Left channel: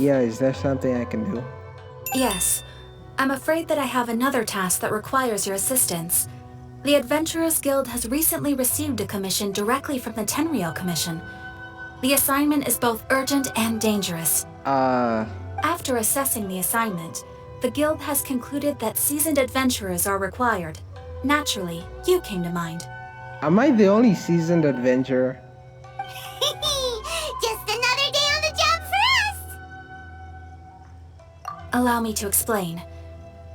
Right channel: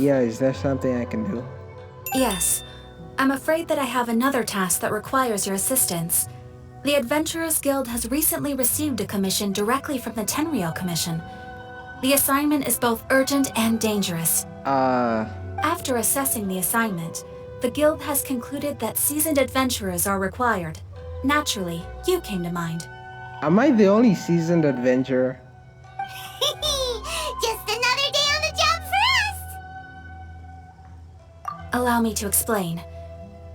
Yeah, is there something I can do? Yes. I'm afraid that I have another task that requires your assistance. The Adventurers Guild has recently received a commission directly from the Tenryou Commission. The assignment is both urgent and dangerous. After assessing the assignment, the Guild has concluded that seasoned adventurers are required. Naturally, you came to mind. Am I the only seasoned adventurer? Just another day on the job for us! Allow me to explain.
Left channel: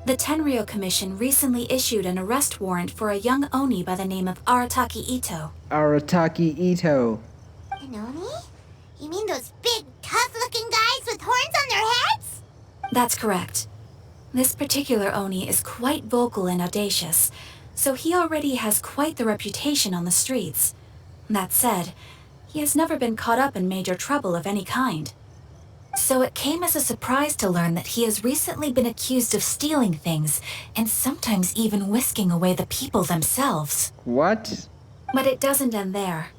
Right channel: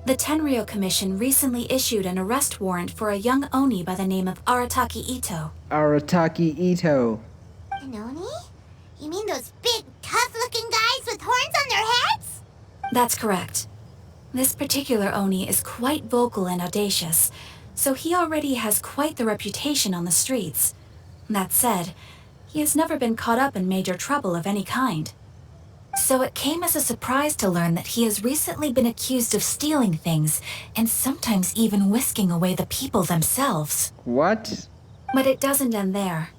The Tenryou Commission recently issued an arrest warrant for a young Oni by the name of Arataki Ito. Arataki Ito. An Oni? You mean those big, tough-looking guys with horns on their heads? That's correct. This particular Oni is quite vocal and audacious, so he already has quite the reputation on the streets. That said, he has never been caught up in major trouble of any kind. So it came as a surprise to learn that he has recently been accused of stealing things, and sometimes even whisking away the people themselves. What? But it doesn't end there.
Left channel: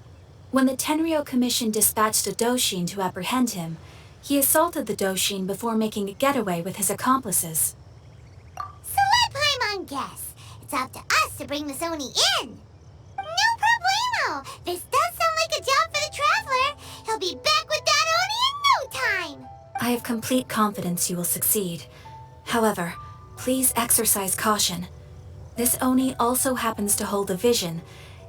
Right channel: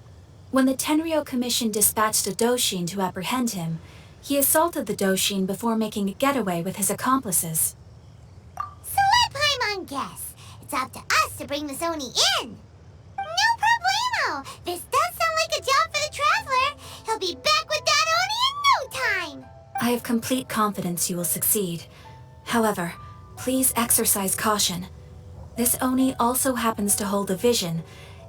When the Tenryou Commission dispatched a Doshin to apprehend him, he assaulted the Doshin before making a getaway with his accomplices. So let Paimon guess. It's up to us to bring this Oni in. No problemo! This does sound like a job for the Traveler. He'll be back with that Oni in no time! I have complete confidence you will succeed. However, please exercise caution. This Oni also happens to hold a vision,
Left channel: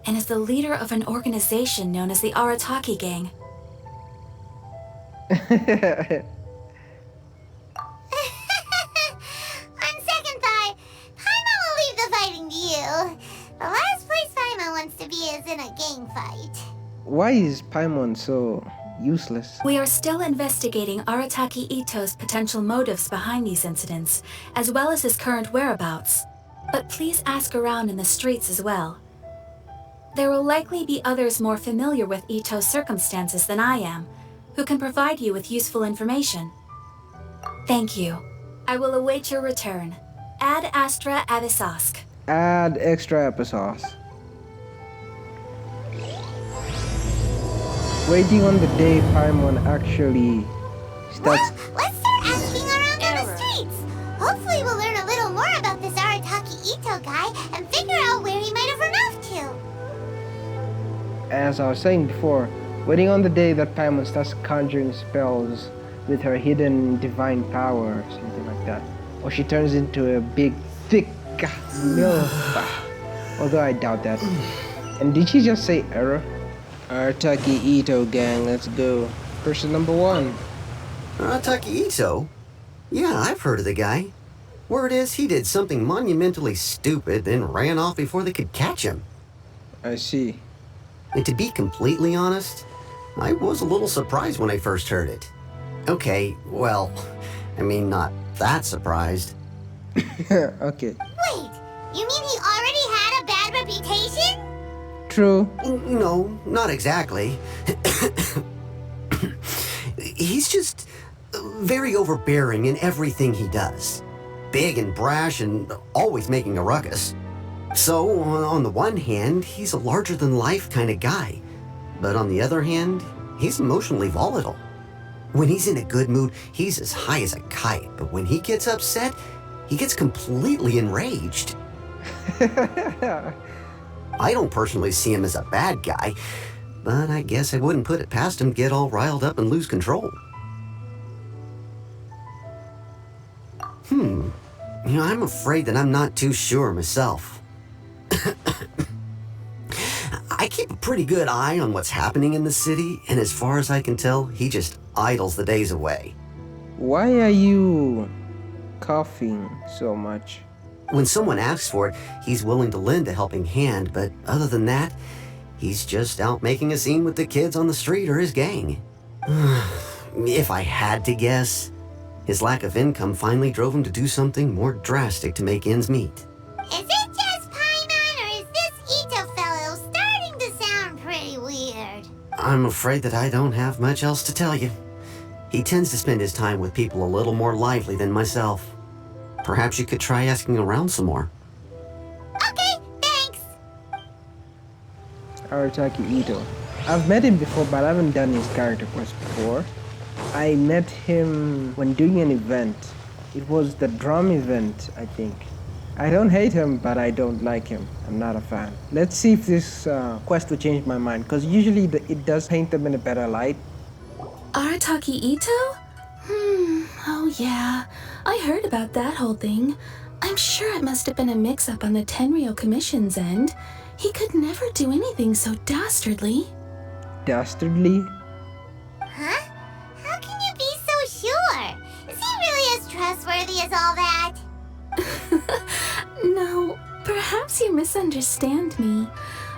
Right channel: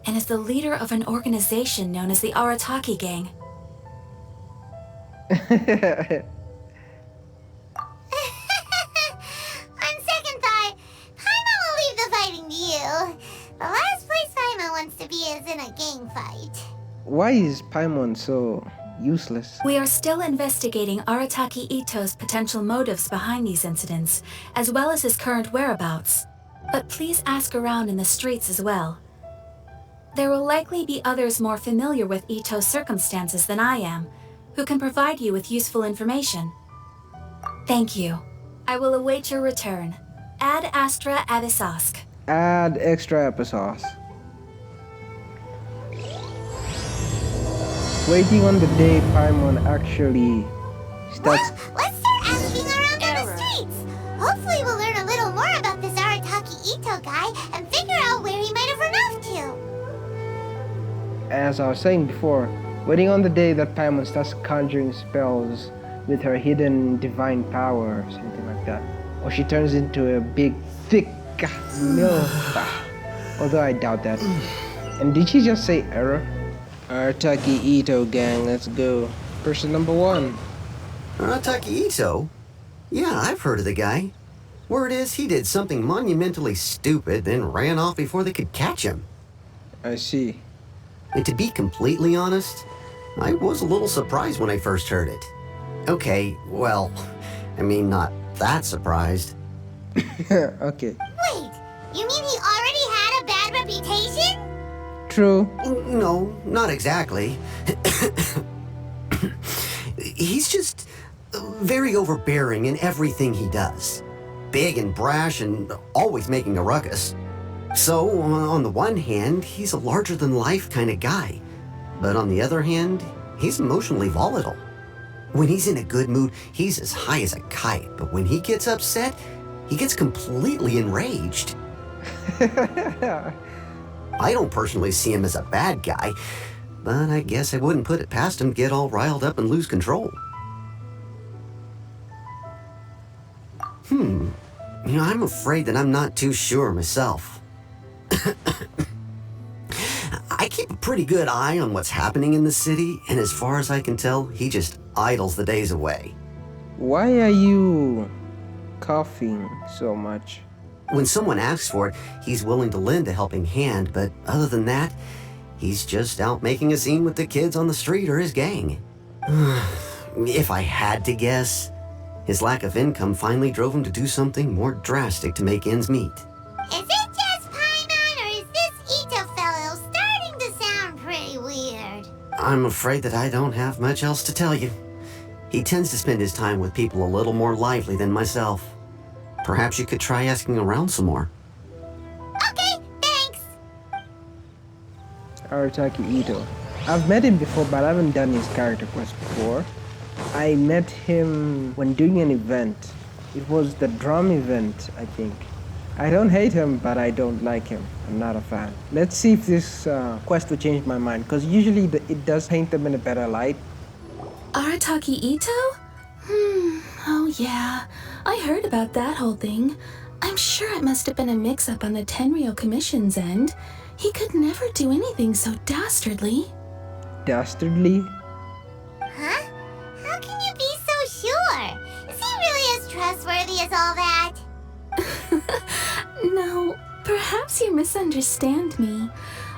and is the leader of an organization known as the Arataki Gang. On second thought, Paimon will leave the fighting to you. The last place Paimon wants to be is in a gang fight. Why is Paimon so useless? We are still investigating Arataki Ito's potential motives behind these incidents, as well as his current whereabouts. But please ask around in the streets as well. There will likely be others more familiar with Ito's circumstances than I am, who can provide you with useful information. Thank you. I will await your return. Ad Astra Avisask. Add extra applesauce. Waiting on the day Paimon actually starts. Well, let's start asking around on the streets. Hopefully we'll learn a little more about this Arataki Ito guy and figure out where he might have run off to. As I was saying before, waiting on the day that Paimon starts conjuring spells with her hidden divine power or something like that. Or she turns into a big, thick MILF. Although I doubt that. And did she just say error? Arataki Ito gang, let's go. Person number 1. Arataki Ito? Yeah, I've heard of the guy. Word is he did something monumentally stupid, then ran off before they could catch him. I see. And to be completely honest, I was a little surprised when I first heard it. Okay, well, I mean, not that surprised. Okay. Wait, you mean he already had a bad reputation? True. No, not exactly. He's just very overbearing in everything he does. Big and brash and always making a ruckus. So, on the one hand, he's a larger-than-life kind of guy. But on the other hand, he's emotionally volatile. When he's in a good mood, he's as high as a kite. But when he gets upset, he gets completely enraged. I don't personally see him as a bad guy, but I guess I wouldn't put it past him to get all riled up and lose control. I'm afraid that I'm not too sure myself. I keep a pretty good eye on what's happening in the city, and as far as I can tell, he just idles the days away. Why are you coughing so much? When someone asks for it, he's willing to lend a helping hand, but other than that, he's just out making a scene with the kids on the street or his gang. If I had to guess, his lack of income finally drove him to do something more drastic to make ends meet. Is it just Paimon, or is this Ito fellow starting to sound pretty weird? I'm afraid that I don't have much else to tell you. He tends to spend his time with people a little more lively than myself. Perhaps you could try asking around some more. Okay, thanks. Arataki Ito. I've met him before, but I haven't done his character quest before. I met him when doing an event. It was the drum event, I think. I don't hate him, but I don't like him. I'm not a fan. Let's see if this quest will change my mind, because usually it does paint them in a better light. Arataki Ito? Oh yeah. I heard about that whole thing. I'm sure it must have been a mix-up on the Tenryo Commission's end. He could never do anything so dastardly. Dastardly? Huh? How can you be so sure? Is he really as trustworthy as all that? No, perhaps you misunderstand me.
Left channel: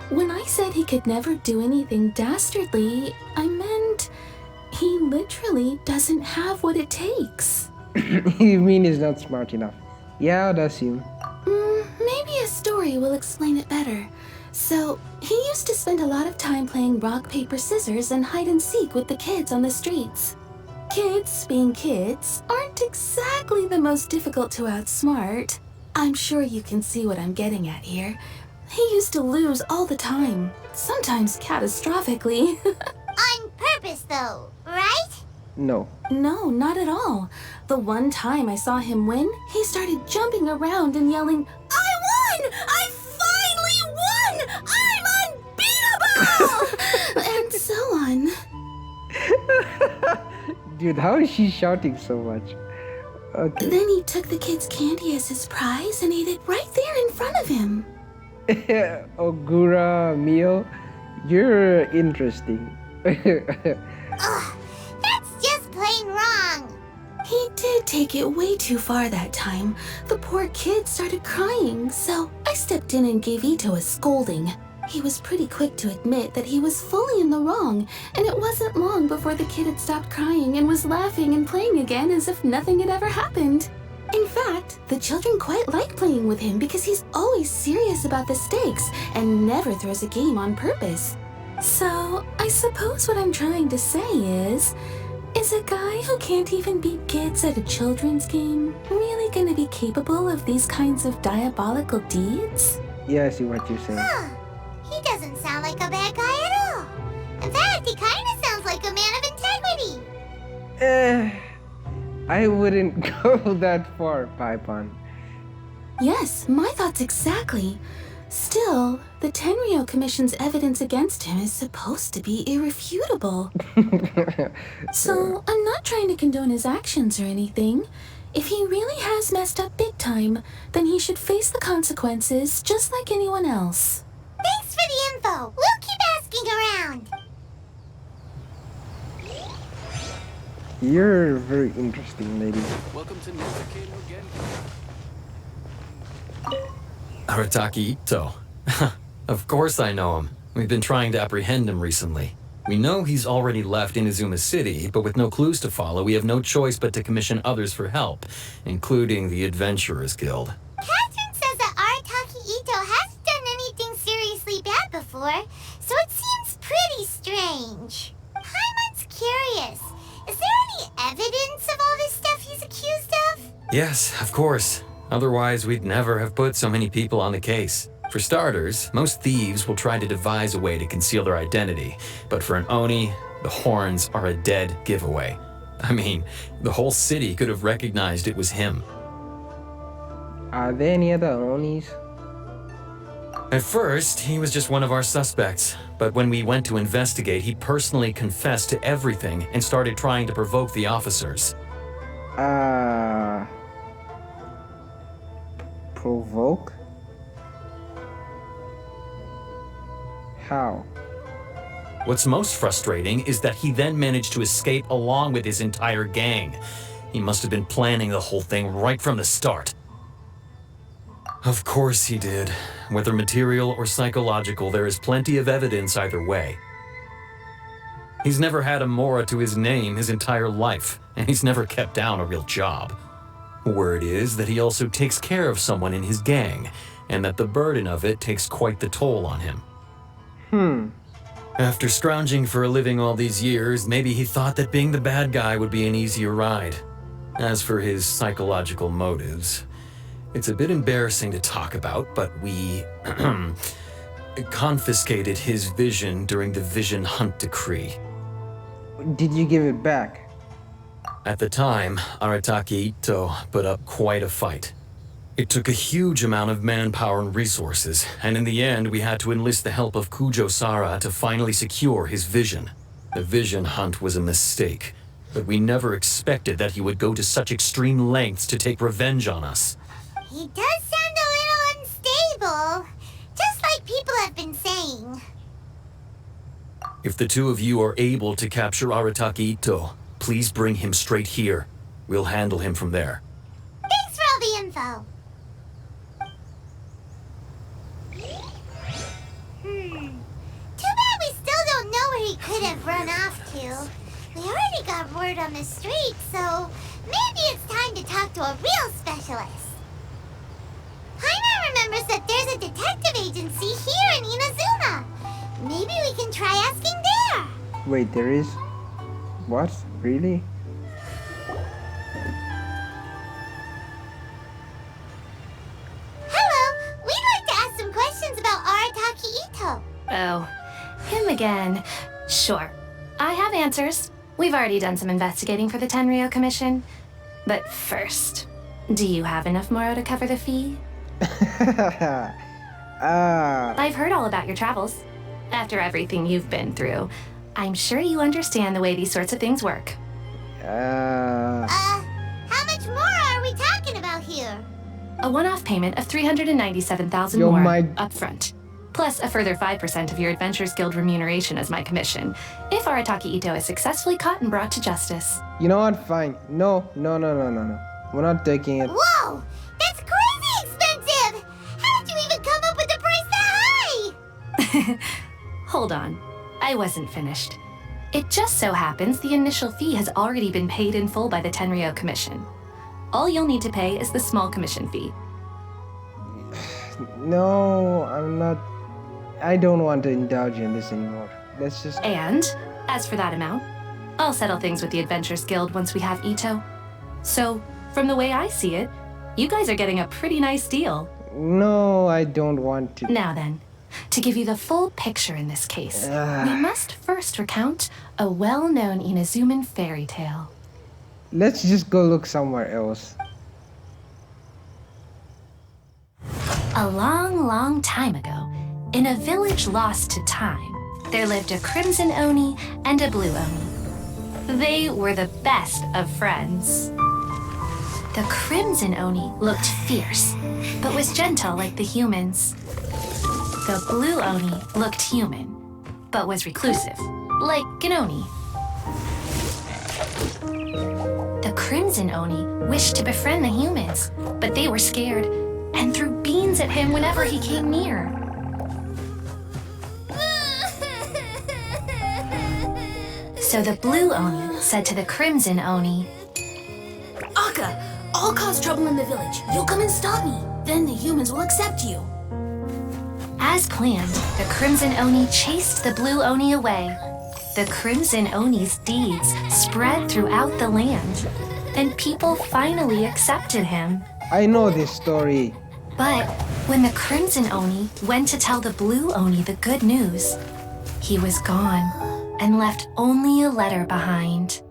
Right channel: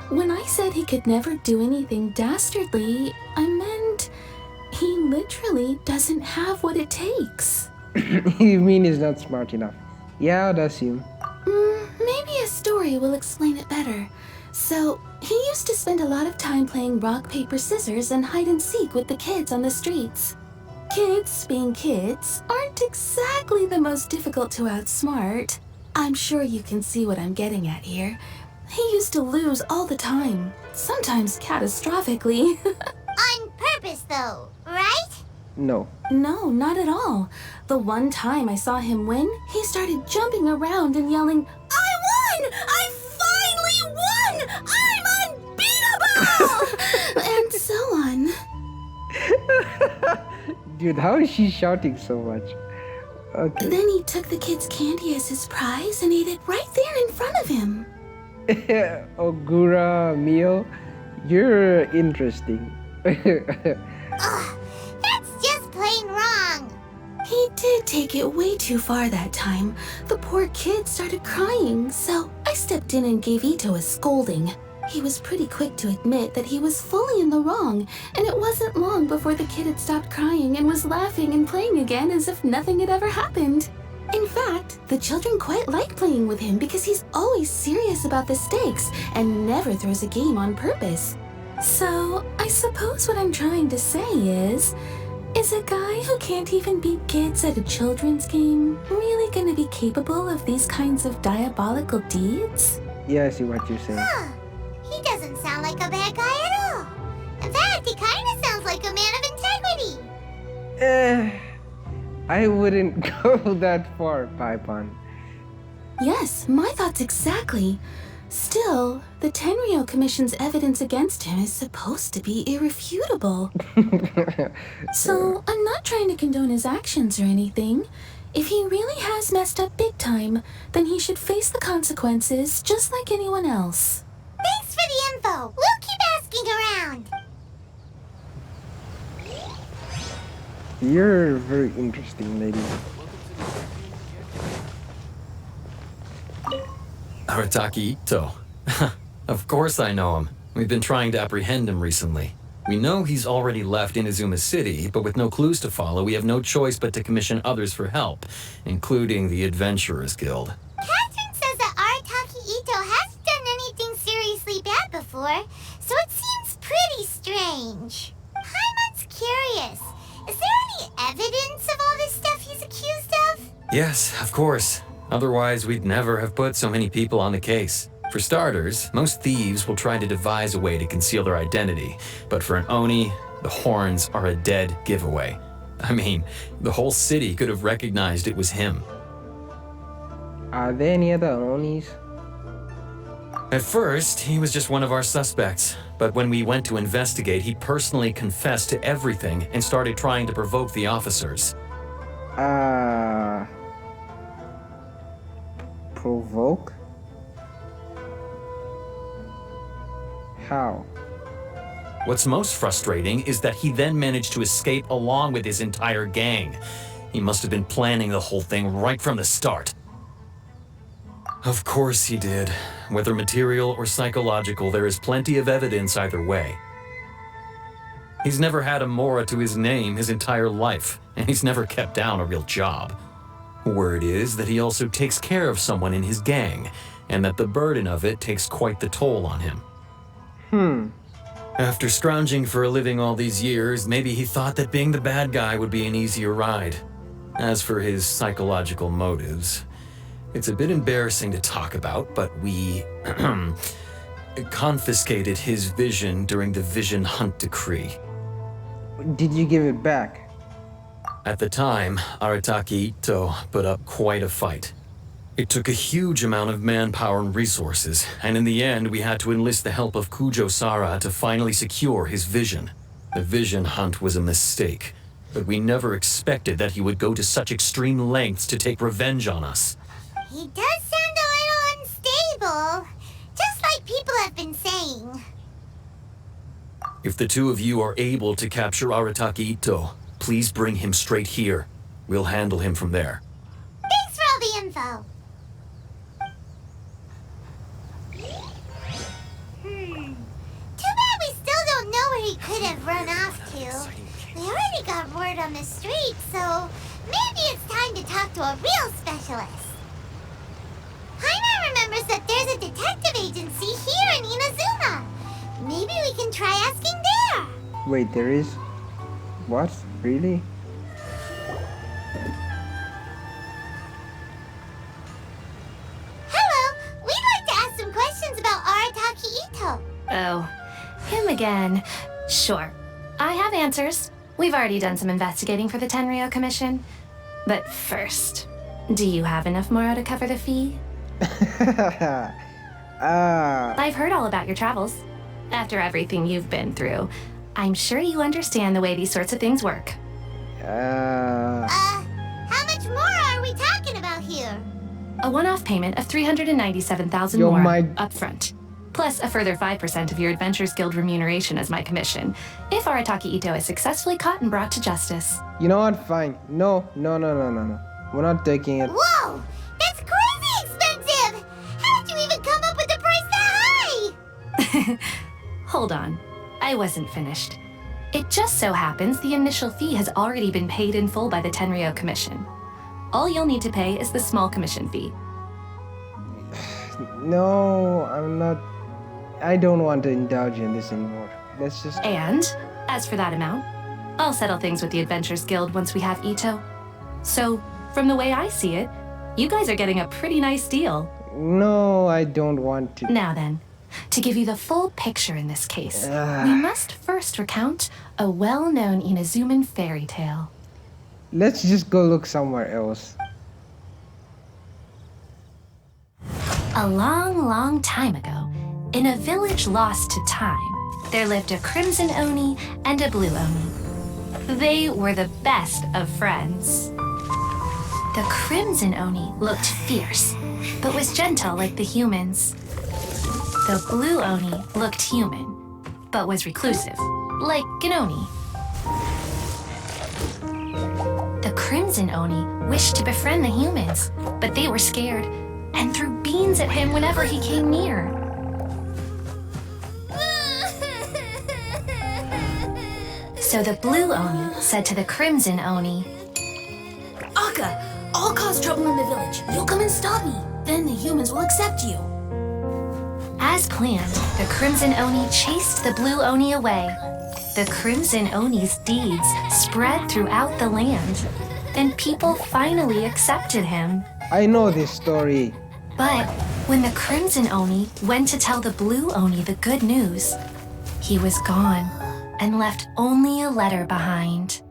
When I said he could never do anything dastardly, I meant he literally doesn't have what it takes. You mean he's not smart enough? Yeah, I'd assume. Maybe a story will explain it better. So, he used to spend a lot of time playing rock, paper, scissors and hide and seek with the kids on the streets. Kids, being kids, aren't exactly the most difficult to outsmart. I'm sure you can see what I'm getting at here. He used to lose all the time, sometimes catastrophically. On purpose, though, right? No. No, not at all. The one time I saw him win, he started jumping around and yelling, "I won! I finally won! I'm unbeatable!" and so on. Dude, how is she shouting so much? Okay. Then he took the kid's candy as his prize and ate it right there in front of him. Ogura Mio, you're interesting. Ugh, that's just plain wrong. He did take it way too far that time. The poor kid started crying, so I stepped in and gave Ito a scolding. He was pretty quick to admit that he was fully in the wrong, and it wasn't long before the kid had stopped crying and was laughing and playing again as if nothing had ever happened. In fact, the children quite like playing with him because he's always serious about the stakes and never throws a game on purpose. So, I suppose what I'm trying to say is a guy who can't even beat kids at a children's game really gonna be capable of these kinds of diabolical deeds? Yeah, I see what you're saying. Huh. He doesn't sound like a bad guy at all. In fact, he kind of sounds like a man of integrity. I wouldn't go that far, Paipon. Yes, my thoughts exactly. Still, the Tenryo Commission's evidence against him is supposed to be irrefutable. So, I'm not trying to condone his actions or anything. If he really has messed up big time, then he should face the consequences just like anyone else. Thanks for the info. We'll keep asking around. You're very interesting, lady. Arataki Ito. Of course I know him. We've been trying to apprehend him recently. We know he's already left Inazuma City, but with no clues to follow, we have no choice but to commission others for help, including the Adventurers Guild. Catherine says that Arataki Ito hasn't done anything seriously bad before, so it seems pretty strange. Paimon's curious. Is there any evidence of all this stuff he's accused of? Yes, of course. Otherwise, we'd never have put so many people on the case. For starters, most thieves will try to devise a way to conceal their identity, but for an Oni, the horns are a dead giveaway. I mean, the whole city could have recognized it was him. Are there any other Onis? At first, he was just one of our suspects, but when we went to investigate, he personally confessed to everything and started trying to provoke the officers. Provoke? How? What's most frustrating is that he then managed to escape along with his entire gang. He must have been planning the whole thing right from the start. Of course he did. Whether material or psychological, there is plenty of evidence either way. He's never had a Mora to his name his entire life, and he's never kept down a real job. Word is that he also takes care of someone in his gang, and that the burden of it takes quite the toll on him. After scrounging for a living all these years, maybe he thought that being the bad guy would be an easier ride. As for his psychological motives, it's a bit embarrassing to talk about, but we confiscated his vision during the Vision Hunt Decree. Did you give it back? At the time, Arataki Ito put up quite a fight. It took a huge amount of manpower and resources, and in the end, we had to enlist the help of Kujo Sara to finally secure his vision. The vision hunt was a mistake, but we never expected that he would go to such extreme lengths to take revenge on us. He does sound a little unstable, just like people have been saying. If the two of you are able to capture Arataki Ito, please bring him straight here. We'll handle him from there. Thanks for all the info. Too bad we still don't know where he could have run off to. We already got word on the street, so maybe it's time to talk to a real specialist. Paimon remembers that there's a detective agency here in Inazuma. Maybe we can try asking there. Wait, there is? What? Really? Hello, we'd like to ask some questions about Arataki Ito. Oh, him again. Sure. I have answers. We've already done some investigating for the Tenryou Commission. But first, do you have enough Moro to cover the fee? I've heard all about your travels. After everything you've been through, I'm sure you understand the way these sorts of things work. How much more are we talking about here? A one-off payment of 397,000 Yo, more my- upfront, plus a further 5% of your Adventures Guild remuneration as my commission, if Arataki Ito is successfully caught and brought to justice. You know what? Fine. No. We're not taking it. Whoa! That's crazy expensive! How did you even come up with a price that high? Hold on, I wasn't finished. It just so happens the initial fee has already been paid in full by the Tenryou Commission. All you'll need to pay is the small commission fee. No, I'm not. I don't want to indulge in this anymore. Let's just. And, as for that amount, I'll settle things with the Adventures Guild once we have Ito. So, from the way I see it, you guys are getting a pretty nice deal. No, I don't want to. Now then, to give you the full picture in this case, we must first recount a well-known Inazuman fairy tale. Let's just go look somewhere else. A long, long time ago, in a village lost to time, there lived a crimson Oni and a blue Oni. They were the best of friends. The crimson Oni looked fierce, but was gentle like the humans. The blue Oni looked human, but was reclusive, like an Oni. The crimson Oni wished to befriend the humans, but they were scared and threw beans at him whenever he came near. So the blue Oni said to the crimson Oni, Akka, I'll cause trouble in the village. You'll come and stop me. Then the humans will accept you. as planned, the crimson Oni chased the blue Oni away. The crimson Oni's deeds spread throughout the land, and people finally accepted him. I know this story. But when the crimson Oni went to tell the blue Oni the good news, he was gone and left only a letter behind.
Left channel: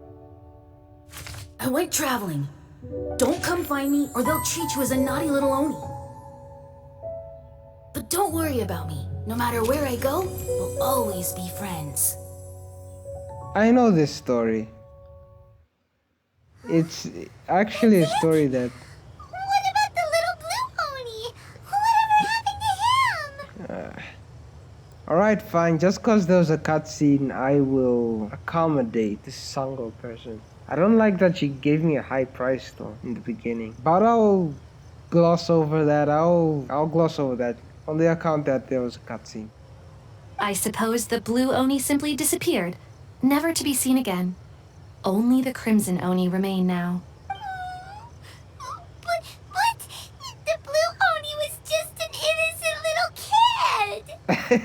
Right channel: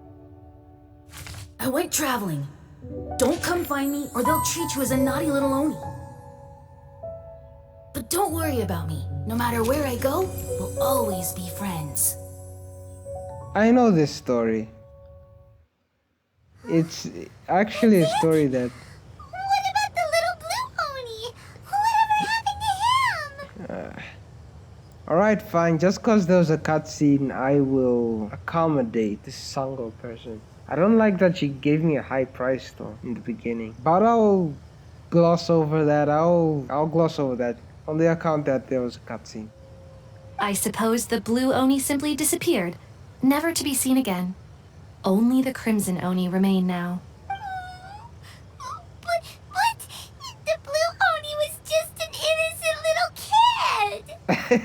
I went traveling. Don't come find me or they'll treat you as a naughty little Oni. But don't worry about me. No matter where I go, we'll always be friends. I know this story. It's actually a story that... What about the little blue Oni? Whatever happened to him? Alright, fine. Just cause there was a cutscene, I will accommodate this Sango person. I don't like that she gave me a high price though in the beginning. But I'll gloss over that. I'll gloss over that on the account that there was a cutscene. I suppose the blue Oni simply disappeared, never to be seen again. Only the crimson Oni remain now. But the blue Oni was just an innocent little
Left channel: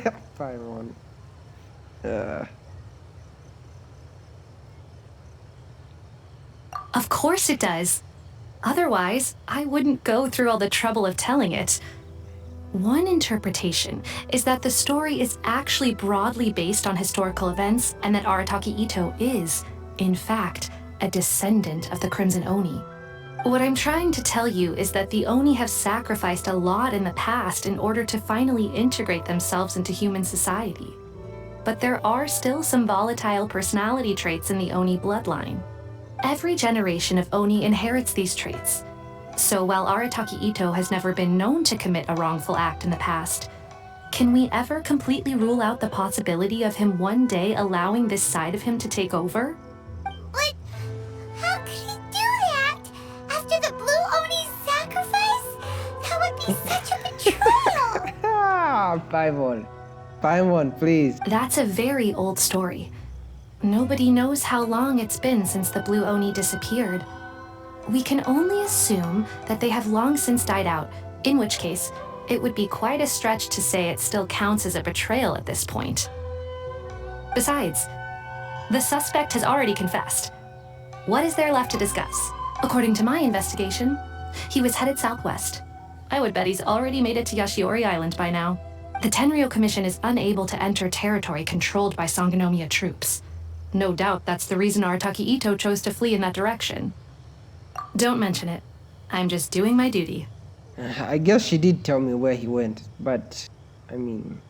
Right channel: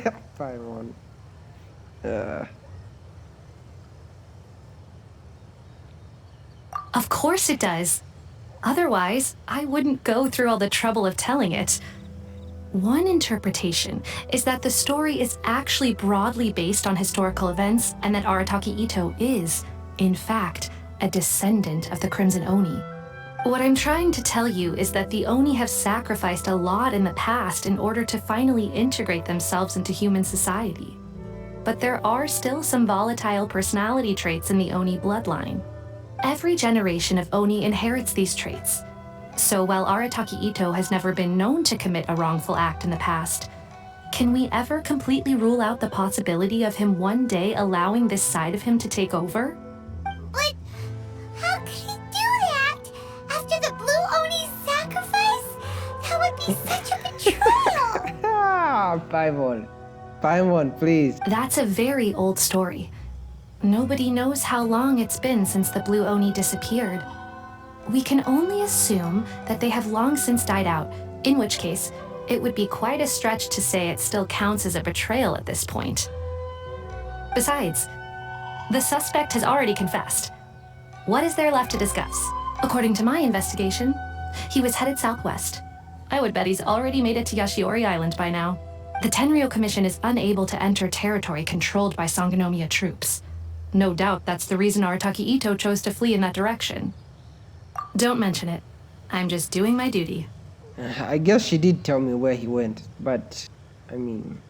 kid. Fine one. Of course it does. Otherwise, I wouldn't go through all the trouble of telling it. One interpretation is that the story is actually broadly based on historical events and that Arataki Ito is, in fact, a descendant of the Crimson Oni. What I'm trying to tell you is that the Oni have sacrificed a lot in the past in order to finally integrate themselves into human society. But there are still some volatile personality traits in the Oni bloodline. Every generation of Oni inherits these traits. So while Arataki Ito has never been known to commit a wrongful act in the past, can we ever completely rule out the possibility of him one day allowing this side of him to take over? But how could he do that? After the Blue Oni's sacrifice? That would be such a betrayal! Paimon. Paimon, please. That's a very old story. Nobody knows how long it's been since the Blue Oni disappeared. We can only assume that they have long since died out, in which case, it would be quite a stretch to say it still counts as a betrayal at this point. Besides, the suspect has already confessed. What is there left to discuss? According to my investigation, he was headed southwest. I would bet he's already made it to Yashiori Island by now. The Tenryo Commission is unable to enter territory controlled by Sangonomiya troops. No doubt that's the reason Arataki Ito chose to flee in that direction. Don't mention it. I'm just doing my duty. I guess she did tell me where he went, but I mean,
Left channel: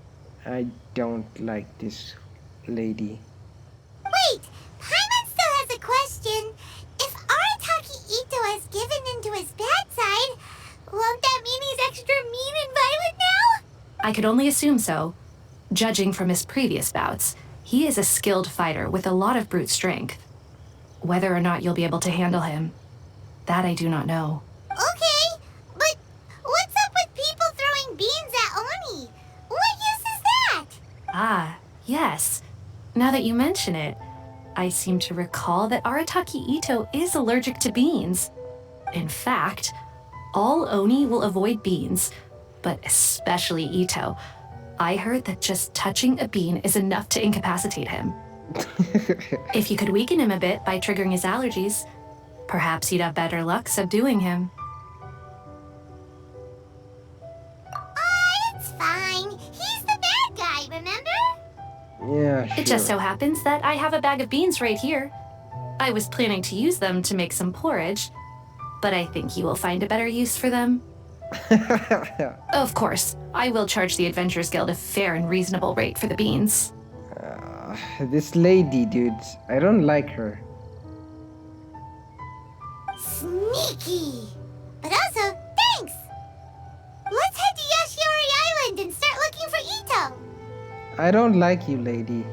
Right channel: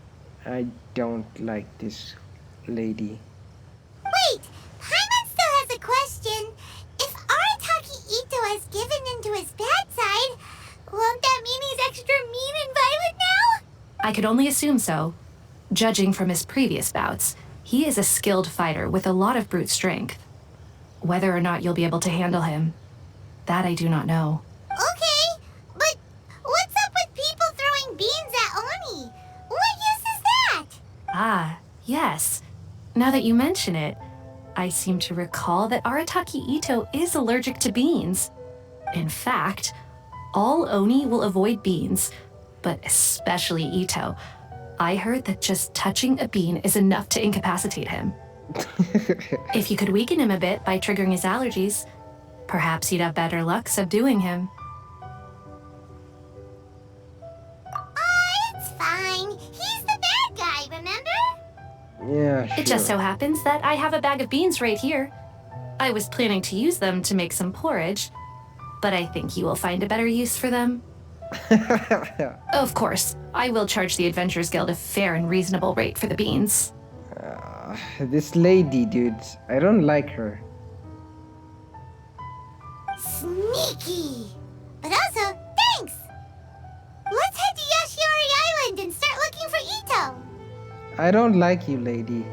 I don't like this lady. Wait! Paimon still has a question. If Arataki Ito has given into his bad side, won't that mean he's extra mean and violent now? I could only assume so. Judging from his previous bouts, he is a skilled fighter with a lot of brute strength. Whether or not you'll be able to handle him, that I do not know. Okay, but what's up with people throwing beans at Oni? What use is that? Ah, yes. Now that you mention it, I seem to recall that Arataki Ito is allergic to beans. In fact, all Oni will avoid beans, but especially Ito. I heard that just touching a bean is enough to incapacitate him. If you could weaken him a bit by triggering his allergies, perhaps you'd have better luck subduing him. It's fine. He's the bad guy, remember? Yeah, sure. It just so happens that I have a bag of beans right here. I was planning to use them to make some porridge, but I think you will find a better use for them. Of course, I will charge the Adventurers Guild a fair and reasonable rate for the beans. This lady, dude, I don't like her. Sneaky. But also, thanks. Let's head to Yashiori Island and start looking for Ito. I don't like you, lady.